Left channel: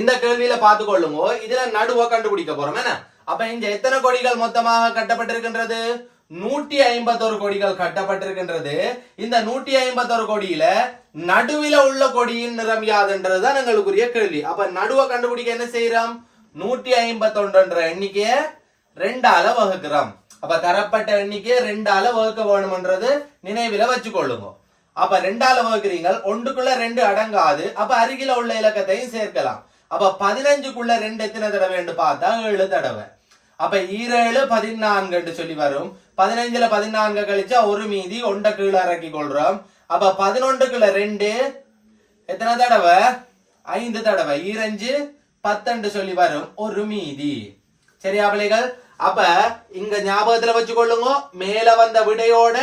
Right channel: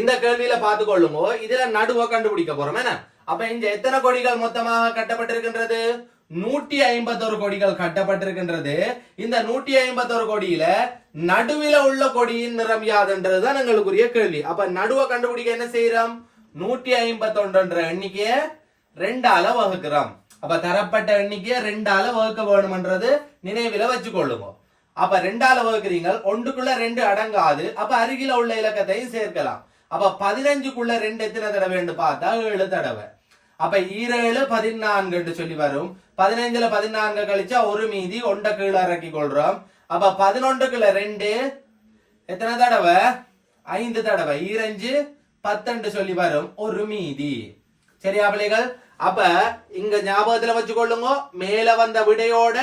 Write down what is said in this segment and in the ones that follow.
இந்த கேள்வியில பார்த்து கொள்ளுங்க இதுல நடுவை கண்டுபிடிக்க போறோம். என்ன? அப்ப இங்க எத்தனை கொடிகள் மொத்தமாக கட்டப்பட்டிருக்கின்றது? நூற்றி ஐம்பத்தொரு கொடிகள் கட்டப்பட்டிருக்கின்றது. இந்த நூற்றி ஐம்பத்தொரு கொடியில நடுவில உள்ள கொடியின் நிறம் யாதுன்றதுதான் எங்களுக்குரிய கேள்வி. அப்ப நடுவை கண்டுபிடிக்க என்ன செய்யறோம்? நூற்றி ஐம்பத்தொன்றுன்ற எண்ணிக்கையை ரெண்டால வகுக்கிறோம். அப்ப தரப்பட்ட எண்ணிக்கையை ரெண்டால வகுக்க வேணும்ன்றது நினைவில வச்சுக்கொள்ளுங்க. அப்ப ரெண்டால வகுக்கிறீங்க ஒன்றுக்குள்ள ரெண்டு அடங்காது. அப்ப அருகில உள்ள இலக்கத்தையும் சேர்க்கலாம். அப்ப பதினஞ்சுக்குள்ள ரெண்டு எத்தனை தடவை பார்த்தா ஏழு தடவை. அப்ப ஈரேழு பதினான்குன்னு சொல்லி வரும். பதினைஞ்சுல பதினான்கு கழிச்சா ஒரு மீதி ஒன்றை கீழே இறக்கி கொள்றோம். அப்ப பதினொன்றுக்குள்ள ரெண்டு எத்தனை தடவை? ஐந்து தடவை. ஈரஞ்சு பத்தண்டு சொல்லி வரும். ஒரு மீதி. சரியா பிள்ளைகள்? அப்ப இங்க ஞாபகத்துல வச்சுக்கொள்ளுங்க. மேல வந்த விடையோட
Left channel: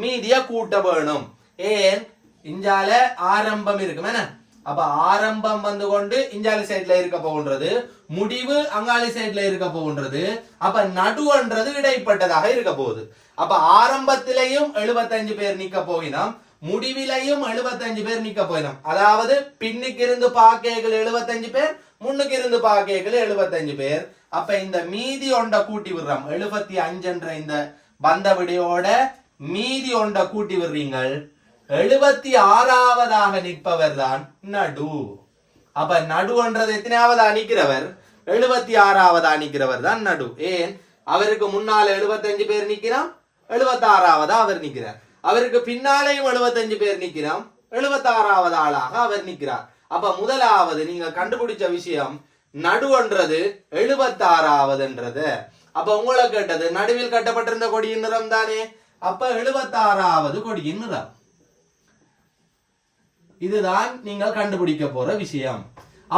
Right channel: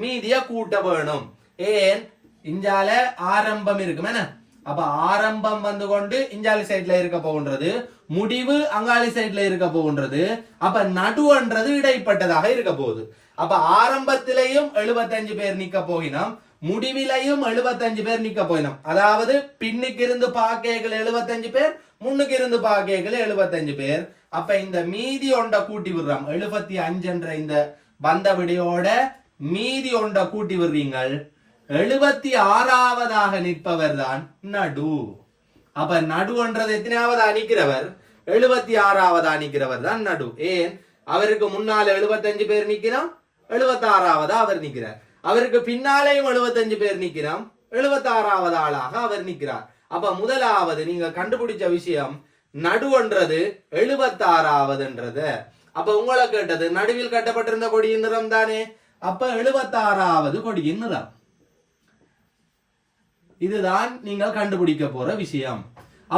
மீதிய கூட்ட வேணும். ஏன்? இஞ்சால ஆரம்பம் இருக்கும் என்ன? அப்ப ஆரம்பம் வந்து கொண்டு இஞ்சாலி சைட்ல இருக்க போகின்றது முடிவு அங்காளி சைட்ல இருக்க போகின்றது அப்ப நடுவன்றது இடைப்பட்டதாக இருக்க போகுது. அப்ப ஆரம்பத்திலையும் 75 பேர் நிக்க போகினோம் முடிவிலையும் 75 பேர் நிக்க போயினோம். அதாவது பின்னுக்கு இருந்து பாக்கைகள் 75 பேர் முன்னுக்கு இருந்து பாக்கைகள் 75 பேர். அப்ப இந்த மீதி ஒண்ட கூட்டி விடுறோம். எழுபத்தி அஞ்சுன்ற இந்த பந்த விடையோட மீதி ஒண்ட கூட்டி விடுறீங்கள். எழுபத்தி ஆறாவதாக நிற்பவர் தான் நடு. அப்ப நடுன்றது எத்தனையாவது அணிக்கிறவர் எழுபத்தி ஆறாவது அணிக்கிறவர் தான் நடு. ஏன்? அவருக்கு முன்னால 75 பேர் நிக்கிறான் எழுபத்தி ஆறாவதா அவர் நிக்கிறார் அவருக்கு பின்னாலேயும் 75 பேர் நிக்கிறான் எழுபத்தி ஆறாவது ஆளாக அவர் நிக்கிறார் அப்ப முதலாவது நீங்க கண்டுபிடிச்ச விஷயம் நடுவன்றது எழுபத்தாறாவதுன்றது. அப்ப உங்களை கேட்டது நடுவில் கட்டப்பட்டிருந்த கொடியின் நிறம் தானே? அப்ப எழுபத்தாறாவது கொடியின் நிறம். இதுதான் நீங்கள் கண்டுபிடிக்க போற விஷயம்.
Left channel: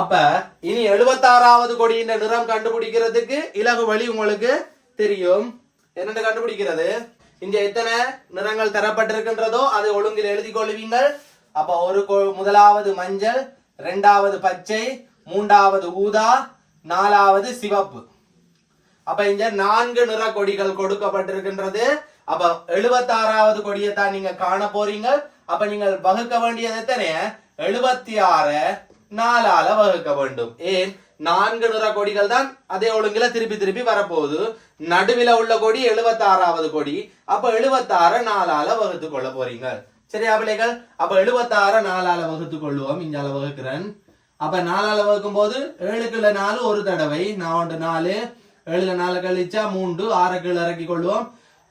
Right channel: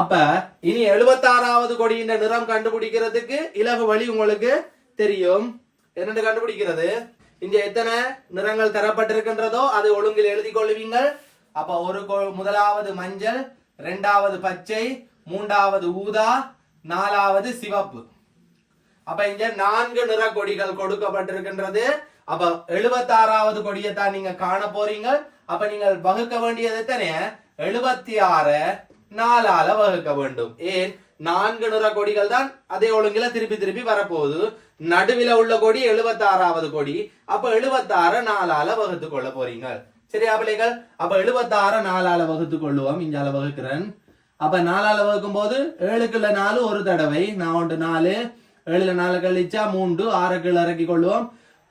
அப்ப இனி எழுபத்தாறாவது கொடியின் நிறம் கண்டுபிடிக்கிறதுக்கு இலகு வழி உங்களுக்கு தெரியும். என்னென்று கண்டுபிடிக்கிறது? இங்க எத்தனை நிறங்கள் தரப்பட்டிருக்கின்றதோ அதை ஒழுங்கில் எழுதி கொள்வீங்கள். அப்ப ஒரு முதலாவது மஞ்சள் இரண்டாவது பச்சை மூன்றாவது ஊதா நாலாவது சிவப்பு. அப்ப இங்க நான்கு நிற கொடிகள் கொடுக்கப்பட்டிருக்கின்றது. அப்ப எழுபத்தாறாவது கொடியை தான் நீங்க காண போறீங்க. அப்ப நீங்கள் வகுக்க வேண்டியது எத்தனைய எழுபத்தி ஆறு நாலால வகுக்க வேண்டும். ஏன்? நான்கு நிற கொடிகள் தான் அதே ஒழுங்குல திருப்பி திருப்பி வரப்போகுது. நடுவில உள்ள கொடி எழுபத்தாறாவது கொடி. அப்ப எழுபத்தாறு நாலால வகுத்து கொள்ள போறீங்க. சரியா பிள்ளைகள்? அப்ப எழுபத்தாறு நாலால வகுத்து கொள்ளுவோம். இங்கால வகுக்கிறேன். அப்ப நாலால வகுக்கும் போது ஏழுக்குள்ள நாலு ஒரு தடவை. நான் ஒன்று நாலு. ஏழுல நாலு கழிச்சா மூன்று. ஆறு கீழே இறக்கி கொள்வோம்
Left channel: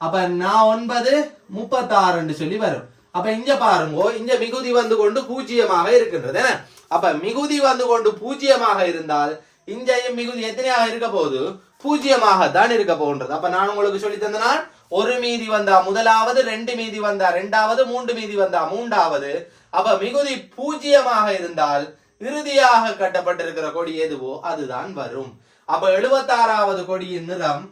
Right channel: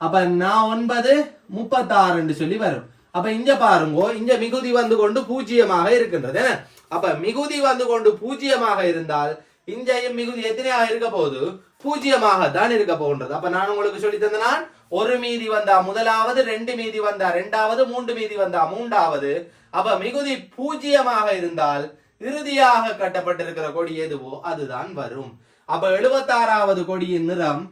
அப்ப நான் ஒன்பது முப்பத்தாறுன்னு சொல்லி வரும். அப்ப இங்க பாருங்க இங்க மிகுதி வந்து கொண்டு பூஜ்ஜியமாக இருக்கின்றது என்ன? அப்ப மிகுதி வந்து கொண்டு பூஜ்ஜியமாக இருந்தால் இங்கேயும் மிகுதி எத்தனையாக இருக்க போகுது? பூஜ்ஜியமாக தான் இருக்க போகின்றது. அப்ப நான் உங்களுக்கு சொல்லி தந்தனா ஒரு மீதி வந்தா முதலாவது ரெண்டு மீதி வந்தா ரெண்டாவது மூன்று மீதி வந்தா மூன்றாவது. அப்ப மிகுதி பூஜ்ஜியமாக இருந்தால் இறுதியாக கட்டப்பட்டிருக்கிற கொடி எதுவோ அதுதான் வரும். அப்ப எழுபத்தாறாவது கொடியின் நிறம்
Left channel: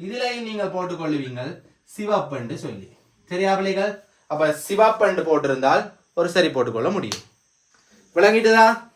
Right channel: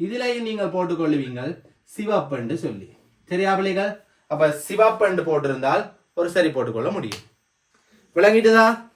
இதிலையும் நீங்கள் போட்டுக்கொள்ளுவீங்கள். சிவப்பண்டு சொல்லி. சரியா பிள்ளைகள்? அப்ப சிவப்பண்டு போட்டிருந்தால் ஒரு சரி போட்டுக்கொள்ள முடியும். விளங்கிட்டுதா?